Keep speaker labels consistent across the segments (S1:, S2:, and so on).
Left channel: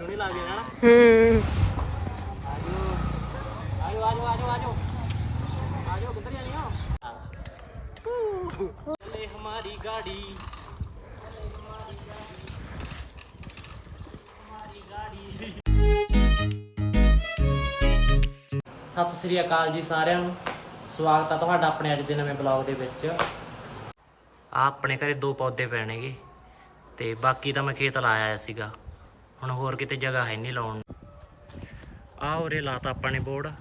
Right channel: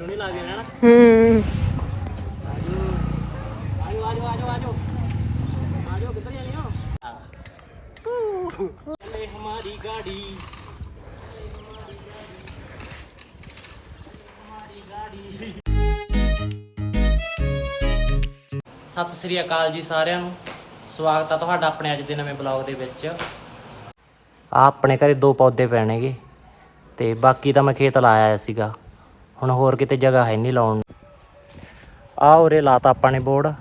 S1: ਸੋਹਣੀ ਲੱਗਦੀ ਹੈ ਨਾ
S2: ਹੂੰ।
S1: ਆਜੋ। ਆਜੋ ਆਜੋ ਆਜੋ ਆਜੋ। ਆਜੋ ਕਿੱਧਰ ਜਾਣੀ ਹੋ। ਚੱਲੇ ਹਮਾਰੀ ਗਾੜੀ। ਸਤਿ ਸ੍ਰੀ ਅਕਾਲ ਜੀ ਸਾਰਿਆਂ ਨੂੰ। ਸਵਾਗਤ ਆ ਤੁਹਾਡਾ ਆਪਣੇ ਅੱਜ ਦੇ ਨਵੇਂ ਬਲੌਗ ਦੇ ਵਿੱਚ। ਆ ਆਪਣੇ ਘਰੇ ਦੋ ਪੌਦੇ ਪੈਣਗੇ ਤੇ ਬਾਕੀ ਤਾਂ ਮੈਂ ਖੇਤ ਲਾਇਆ ਸੀਗਾ। ਹੁਣ ਹੋਰ ਕਿਤੇ ਜਗ੍ਹਾ ਹੈ ਨਹੀਂ ਲਾਉਣ ਨੂੰ। ਆ ਉਰੇ ਲਾਤਾ ਆਪਾਂ ਨੇ ਬੋਰਡ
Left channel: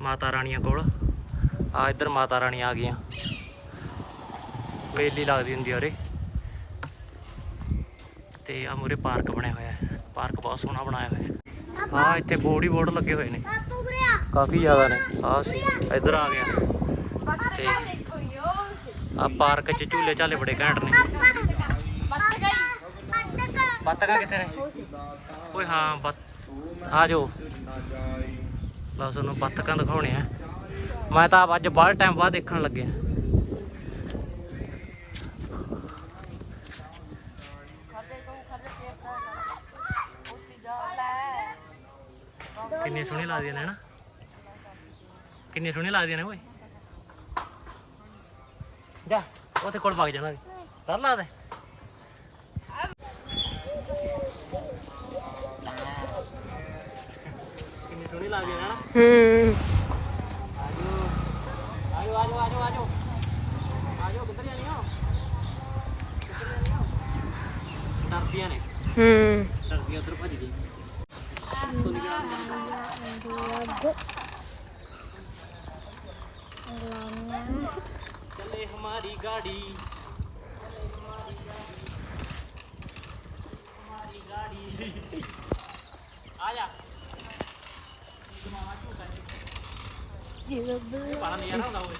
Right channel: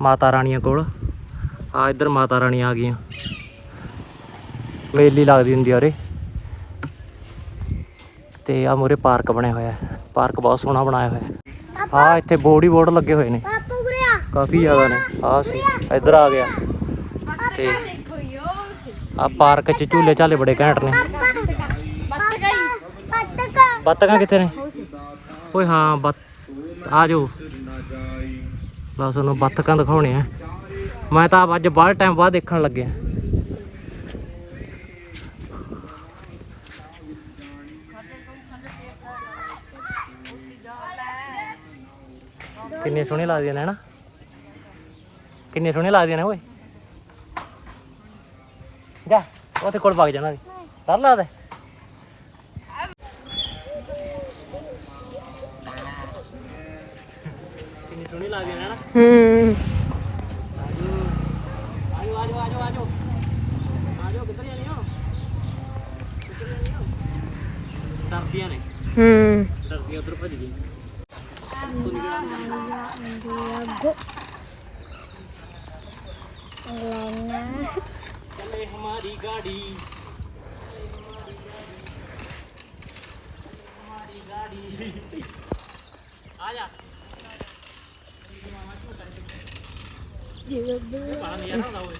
S1: ਮਾਤਾ ਰਾਣੀਆਂ ਕੋਲ। ਆ ਇੱਧਰ ਮਾਤਾ ਰਾਣੀ ਆ ਗਈਆਂ। ਵੇਲੀ ਲੱਗਦੀ ਹੁੰਦੀ ਆ ਉਰੇ। ਤੇ ਆ ਮੂਰੇ ਪਾਰਕ ਬਣਿਆ ਹੋਇਆ ਹੈ। ਪਾਰਕ ਬਹੁਤ ਸੋਹਣਾ ਬਣਾਇਆ ਹੋਇਆ ਹੈ। ਆ ਇੱਥੇ ਬੋਰਡ ਹੀ ਬੋਰਡ ਲੱਗੇ ਹੋਏ ਨੇ। ਕਾਫੀ ਜ਼ਿਆਦਾ ਨੇ। ਆ ਸੀ। ਇੱਧਰ ਆ ਗਿਆ। ਤੇ ਆ ਪਾਰਕ 'ਚ ਝੂਲੇ ਝਾਲੇ ਬੜੇ ਘੈਂਟ ਨੇ। ਬੱਤਕਾਂ ਕਿੱਥੇ ਨੇ? ਓਏ ਹਾਂ, ਬੱਤ, ਆ ਜਾਓ। ਬਸ ਉਹਨੂੰ ਬੱਤਕਾਂ ਦਿਖਾਉਣੇ ਆ। ਮੈਂ ਤਾਂ ਅੱਜ ਬਾਹਰ ਟਾਈਮ ਬਾਅਦ ਦੇਖਣ ਲੱਗਿਆ। ਕਿੰਨੀਆਂ ਸੋਹਣੀਆਂ ਲੱਗਦੀਆਂ ਨੇ ਨਾ ਕਿੰਨੀਆਂ ਸੋਹਣੀਆਂ ਲੱਗਦੀਆਂ ਨੇ, ਓਏ। ਜਾ, ਉੱਥੇ ਕੋਲ ਵਗ ਜਾਣਾ ਕਰ ਲਾ ਦੇ ਸੋਹਣੀ ਲੱਗਦੀ ਹੈ ਨਾ
S2: ਹੂੰ
S1: ਆਜੋ ਆਜੋ ਆਜੋ ਆਜੋ ਆਜੋ ਆਜੋ ਕਿੱਧਰ ਜਾਣੀ ਹੋ ਕਿੱਧਰ ਜਾਣੀ ਹੋ ਡਰਦੀਆਂ ਨੇ
S2: ਹੂੰ
S1: ਡਰਦੀਆਂ ਉਧਰ ਭੱਜ ਗਈ ਤੂੰ ਨਿਕਲ ਚੱਲੇ ਹਮਾਰੀ ਗਾੜੀ ਹਮਾਰੀ ਗਾੜੀ ਆ ਜਾ ਮਾਮਾ ਝੂਟਾ ਇਹ ਬੜਾ ਨਜ਼ਾਰਾ ਹੁੰਦਾ ਓਏ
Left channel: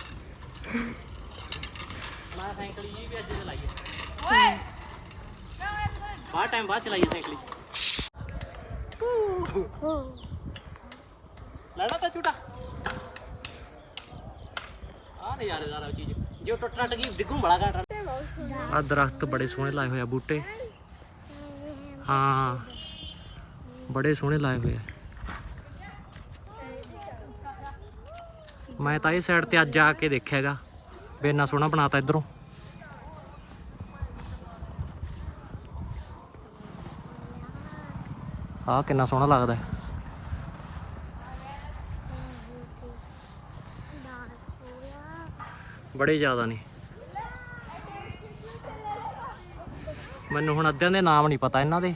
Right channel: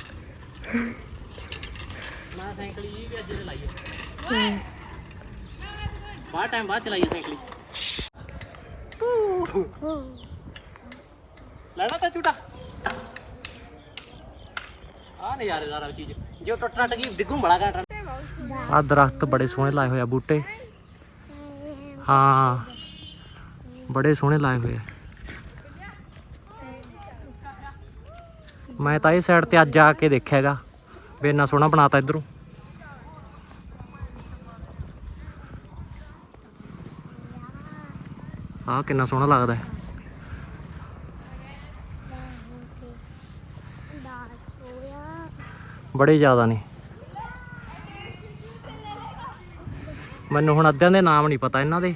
S1: ਮੈਂ ਸਾਈਕਲ ਜੀ ਵੀ ਅੱਜ ਤੇ ਲਾਈ ਹੈ ਬਾਹਰ ਟਾਈਮ ਬਾਅਦ ਚਲਾਈ ਹੈ ਸਾਈਕਲ ਲੈਣਾ ਤਾਂ ਝੂਟਾ ਆ ਨਜ਼ਾਰੇਦਾਰ ਚੀਜ਼ ਜੇ ਟੁੱਟ ਟੱਟ ਗਈ ਡਿੱਗੂ ਬੜਾ ਘਾਟ ਆ ਦਰਖਤ ਬੜੇ ਸੋਹਣੇ ਲਾਏ ਹੋਏ ਆ ਬੂਟੇ। ਹਾਂ, ਬੜੇ ਸੋਹਣੇ ਲਾਏ ਹੋਏ ਆ। ਮੈਂ ਤਾਂ ਇਹ ਸਾਈਡ ਤੇ ਅੱਜ ਆ ਕੇ ਦੇਖਿਆਗਾ ਵੀ ਇੰਨਾ ਸੋਹਣਾ ਬਣਾਤਾ ਇਧਰੋਂ। ਆਹ ਕਿੰਨਾ ਸੋਹਣਾ ਲੱਗਦਾ ਹੈ। ਬੜੇ ਜ਼ਿਆਦਾ ਨੇ। ਮੈਨੂੰ ਹੁਣ ਅੱਧਿਆਂ ਦੇ ਨਾਮ ਨਹੀਂ ਪਤਾ ਇਹਨਾਂ ਦੇ।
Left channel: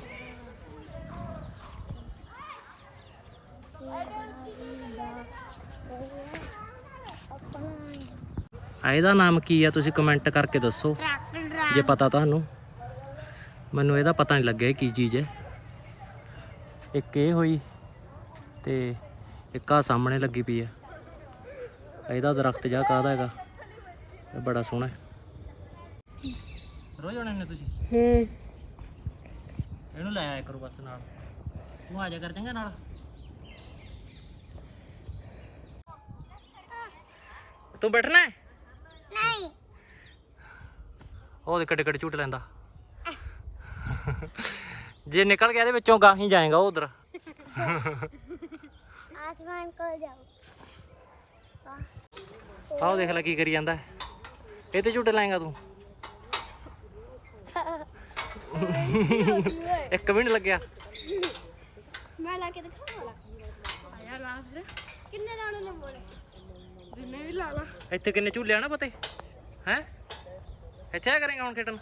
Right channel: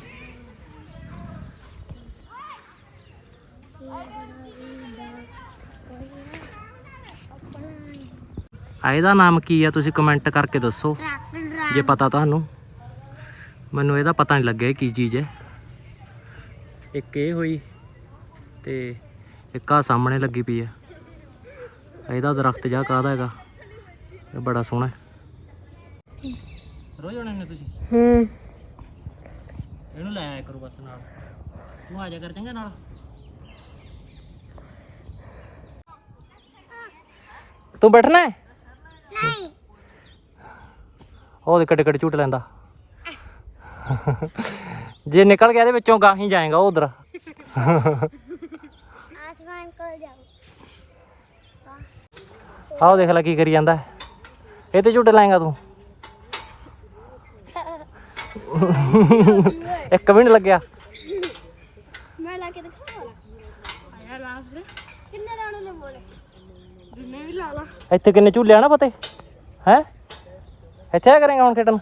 S1: ਆ ਇਹਦਾ ਨਾਮ ਕੀ ਆ? ਤੁਸੀਂ ਕਮੈਂਟ ਕਰਕੇ ਦੱਸੋ। ਜੇ ਪਤਾ ਤੁਹਾਨੂੰ। ਮੈਨੂੰ ਇਹਦਾ ਪਤਾ ਨਹੀਂ ਲੱਗਿਆ ਕੀ ਚੀਜ਼ ਹੈ। ਇੱਕ ਇਹ ਹੋਈ ਤੇ ਇੱਕ ਆ ਸਾਹਮਣੇ ਲੱਗੀ ਪਈ ਆ। ਇਹਦਾ ਦਰਖਤ ਜਾ ਕਾਹਦਾ ਹੈਗਾ? ਇਹ ਬੜਾ ਸੋਹਣਾ ਹੈ। ਰੋਜ਼ ਆਉਣੇ ਨੇ ਤੁਸੀਂ?
S2: ਹੂੰ।
S1: ਇਹਨੂੰ ਲੈ ਆਇਆ ਕਰੋ ਬਸ ਨਾਲ। ਤੂੰ ਆ ਜਾ ਕਰ ਚੰਗਾ ਨਾਲ। ਤੂੰ ਬੈਠਣਾ ਹੈ? ਨਹੀਂ। ਉਹ ਦੇ ਕੱਟੇ ਕੱਟੇ ਝੂਟ ਲੈਂਦਾ। ਜੇ ਨਿਕਲ ਗਿਆ ਇਹਦੇ ਵਿੱਚੋਂ ਗਾਹੀ ਜਾਏਗਾ ਉਧਰ।
S3: ਆਸਮਾਨ ਕੋਲ
S1: ਆਹ ਦੇਖ ਲੈ ਕੀ ਕਰੀ ਜਾਂਦਾ। ਇਹ ਤੇ ਝੂਟ ਲਾਏਗਾ ਤੂੰ। ਇੱਕ ਵੀ ਨਹੀਂ ਲੱਗਿਆ।
S3: ਮੈਂ ਲਾ ਕੇ ਦਿਖਾਵਾਂ। ਆਇਆ ਲਾ ਕਿੰਨੇ ਲਾਉਣੇ ਨੇ ਬੋਲੇ ਜਿੰਨੇ ਵੀ ਲਾ ਲਾ।
S1: ਇੱਥੇ ਕਿੰਨੇ ਝੂਲੇ ਆ ਨਾ ਪਤੇ? ਹੈ? ਇੱਥੇ ਆ ਕਰੇਗਾ ਹੁਣ ਖੇਡਣ?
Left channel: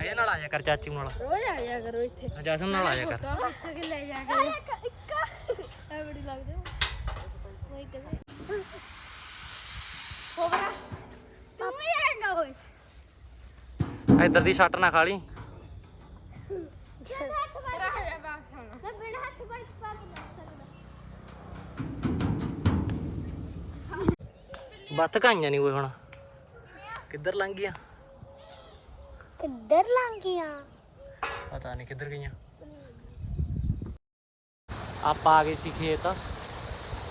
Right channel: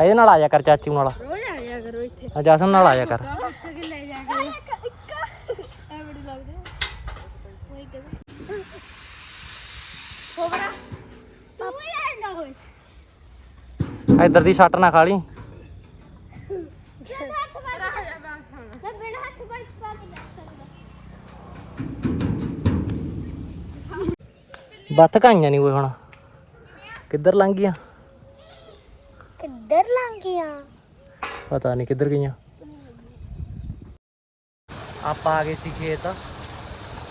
S1: ਇਹਦੇ ਨਾਲ ਆ ਜਾ ਕਰ ਚਾਚੂ ਨਾਲ।
S3: ਰੋਜ਼ ਆ ਜਾ ਕਰੋ ਇੱਥੇ।
S1: ਆ ਜਸਨ ਨਾਲ ਆ ਜਾ ਕਰ।
S3: ਇੱਥੇ ਕਿ ਲੈ ਜਾ ਕਰੋ। ਆ ਬੜੀ ਲੱਗਦੇ ਹੋ ਓਏ ਕਦੇ ਹੋ ਗਿਆ। ਤੂੰ ਹੀ ਐਂਦਾ ਹੋਈ
S1: ਇੱਧਰ ਦੀ ਸੱਟ ਨਾ ਖਾ ਲਈ। ਬਤਕਾਈਆਂ ਨਹੀਂ ਓਏ ਹੁਣ? ਕਿੱਧਰ ਲੰਘ ਗਈਆਂ?
S3: ਕਿੱਧਰ ਲੰਘ ਗਈਆਂ?
S1: ਪਤਾ ਨਹੀਂ ਕਿੱਧਰ ਗਈਆਂ। ਆਪਾਂ ਆ ਗਏ ਸੀ ਖੇਤ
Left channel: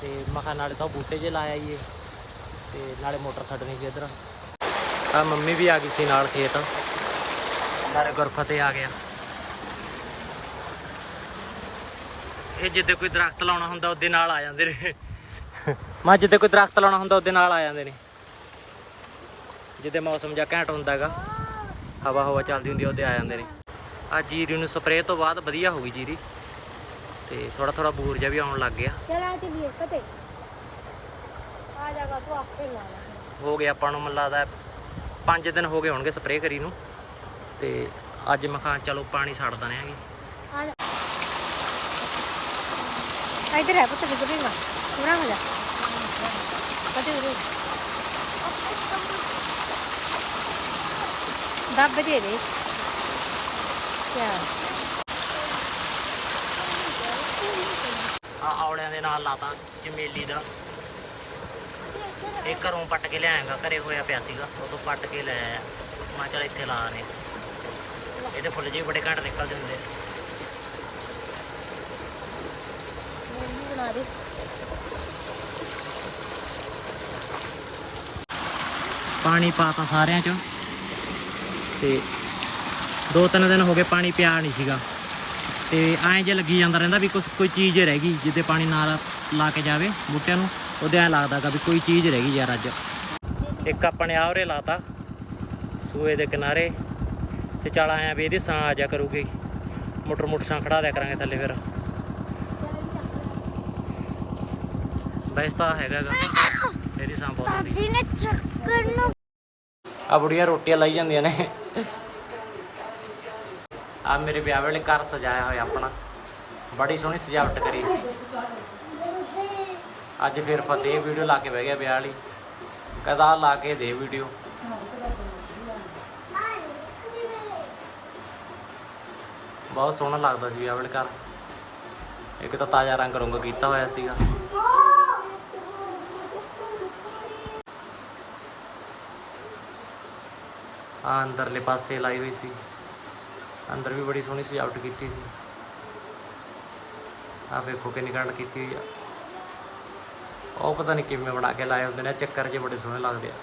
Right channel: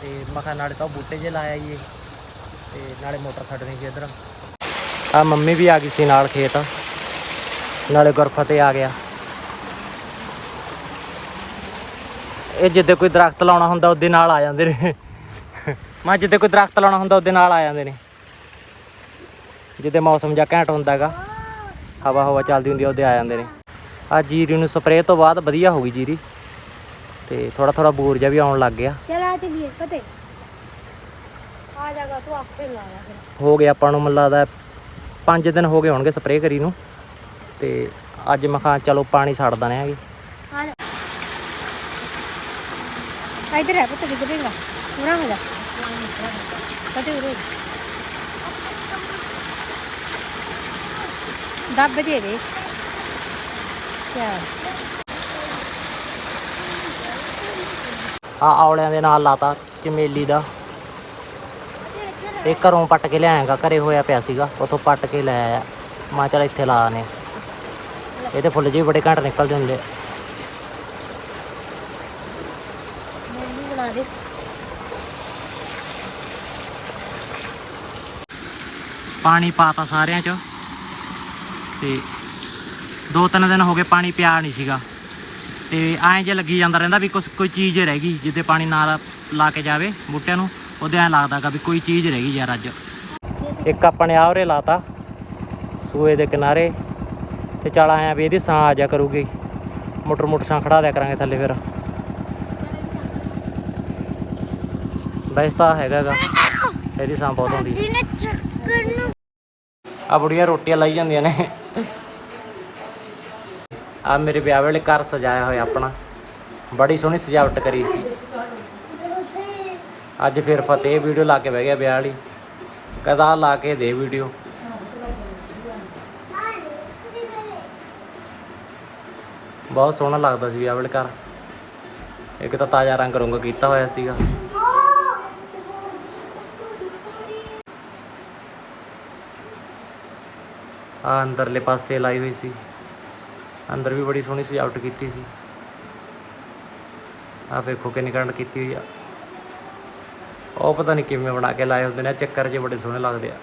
S1: ਤੇ ਮਖਾ ਨਾਲੇ ਤਾਂ ਬੂਟੇ ਜੇ ਲਾਇਆ ਜੀ ਤੇ ਨਾਲੇ ਮੋਟਰ ਛੱਡਣੀ ਸੀ ਇਧਰ। ਆ ਮੰਮੀ ਵੀ ਆ ਗਈ ਸੀ ਨਾਲ ਖੇਤ। ਨਾਲੇ ਗੁਰਫਾ ਤੇ ਆ ਗਿਆ। ਇਹ ਜਿੱਦੇ ਕੋਈ ਦਰਖਤ ਲਾਉਣਾ ਹੁੰਦਾ ਉਹਦੇ ਨਾਲ ਆ ਜਾਂਦੇ ਨੇ। ਮੈਂ ਜਿੱਦੇ ਕੋਈ ਦਰਖਤ ਲਾਉਣਾ ਹੁੰਦਾ ਉਹਦੇ ਨਾਲ ਆ ਜਾਂਦੇ ਨੇ। ਜਿੱਦੇ ਮੌਸਮ ਜਾਂ ਘੈਂਟ ਹੁੰਦਾਗਾ ਹਵਾ ਹਵਾ ਚੱਲਦੀ ਹੁੰਦੀ ਉਹਦੇ ਆ ਜਾਂਦੇ ਨੇ। ਆ ਜੀਰੀ ਨੂੰ ਸਪਰੇਅ ਤੋਂ ਬਾਅਦ ਵਧੀਆ ਹੋ ਗਈ ਜੀਰੀ। ਤੇ ਥੋੜਾ ਥੋੜਾ ਬੂਰ ਜਿਹਾ ਵੀ ਆਉਣ ਲੱਗ ਗਿਆ। ਹੋ ਗਿਆ ਆਪਾਂ ਨੂੰ ਮੱਲਾ ਦਾ ਪੰਜ ਦਿਨ ਹੋ ਗਏ ਹੋਣਗੇ ਸਪਰੇਅ ਕਰੀ ਨੂੰ। ਤੇ ਅੱਜ ਮਖਾਂ ਚਲੋ ਪਾਣੀ ਛੱਡ ਦਨੇ ਆਗੇ
S3: ਇਧਰ ਹੈ ਪੁੱਤ ਡਿੱਗ ਪੇਗਾ ਪੂਰਾ ਮਜ਼ਾ फतेह उरे दब दे दे क्या
S1: ਆ ਔਲਿਆਂ ਦੇ ਨਾਲ ਲਾਤਾ ਚਮੇਲੀ ਦਾ ਇਹ ਘਰੋਂ ਪੱਟ ਕੇ ਲਿਆਏਗਾ ਘਰੇ ਹੋਇਆ ਪਿਆ ਸੀਗਾ ਉਥੋਂ ਪੱਟ ਕੇ ਲੈ ਆਇਆ ਮੈਂ ਚਲ ਇੱਥੇ ਲਾ ਨੇ ਇਹਦੇ ਫੁੱਲ ਜਿਹੇ ਬੜੇ ਘੱਟ ਨਿਕਲਦੇ ਹੁੰਦੇ ਪਾਣੀ ਪਾਤਾ ਸਾਰਿਆਂ 'ਚ। ਤੇ ਦੋ ਤਿੰਨ ਦਿਨ ਹੋ ਗਏ ਪਾਣੀ ਪਿਆ ਨਹੀਂ ਸੀਗਾ। ਤੇ ਐਂ ਜੇ ਲੱਗੀ ਜਾਂਦਾ ਰਹਿੰਦਾ ਵੀ ਕੁਛ ਕੋਈ ਚੀਜ਼ ਰਹਿ ਗਈ, ਜਿੱਦੇ ਪਾਣੀ ਨਾ ਲਾ ਕੇ ਜਾਵੇ ਬੂਟਿਆਂ ਨੂੰ, ਉਹਦੇ ਐਂ ਲੱਗਦਾਗਾ ਵੀ ਕੋਈ ਚੀਜ਼ ਰਹਿ ਗਈ ਯਾਰ ਅੱਜ। ਇੱਕ ਆਪਣੇ ਨੇ ਆਵਰੇ ਲਾਤਾ, ਸੂਏ ਦੇ ਕਿਨਾਰੇ। ਤੇ ਚੱਲ ਆਇਆ ਵੀ ਇਹਦੀ ਸਾਂ ਆ ਜਾ ਕਰੂਗੀ। ਮੋਟਰ ਮੋਟਰ ਸਾਂ ਖੜਾ ਦਿਆ ਕਰਾਂਗੇ ਥੱਲੇ ਫਿਰ। ਵੈਸੇ ਤਾਂ ਹੈਗਾਗਾ ਇਹਦੀ ਸਾਂ ਬਹੁਤ ਹੁੰਦੀ
S3: ਜਿਹਨੇ ਚੱਕਰ
S1: ਆ ਬੁੜੀਆਂ ਰੋਟੀਆਂ ਲਾਈ ਜਾਂਦੀਆਂ ਨੇ। ਆ ਮੇਰੇ ਵਿਆਹ ਵੇਲੇ ਘਰ ਸਜਾਇਆ ਹੋਇਆ ਆਪਣਾ। ਬੜੀ ਸੋਹਣੀ ਸਜਾਵਟ ਕਰੀ ਸੀ। ਅੱਜ ਫਿਰ ਫਤਿਹ ਵੀਡੀਓ ਲਾ ਕੇ ਬਹਿ ਗਿਆ ਵਿਆਹ ਵਾਲੀ ਕਦਾ ਲਾ ਕੇ ਦੇ ਵੀਡੀਓ। ਬਹੁਤ ਸੋਹਣਾ ਲੱਗਦਾ ਸੀ ਵਿਆਹ ਵੇਲੇ ਘਰ। ਇੱਕ ਤਾਂ ਤਾਜ਼ਾ ਰੰਗ ਰੰਗ ਕੀਤਾ ਹੋਇਆ ਸੀਗਾ। ਆ ਅੰਦਰਲੇ ਪਾਸੇ ਲਾਈ ਹੋਈ ਸੀ। ਅੰਦਰ ਵੀ ਬੜੀ ਸੋਹਣੀ ਸਜਾਵਟ ਕੀਤੀ ਸੀ। ਆ ਵੇਖੋ ਕਿੰਨੀ ਕੰਡ ਕੀਤੀ ਹੋਈ ਆ। ਉਹ ਪਤਾ ਨਹੀਂ ਕਿਵੇਂ ਬਣਾ ਕੇ ਲਾਏ ਹੁੰਦੇ ਨੇ ਚੱਕਰ ਜੇ ਬੜੇ ਸੋਹਣੇ ਲੱਗਦੇ ਆ।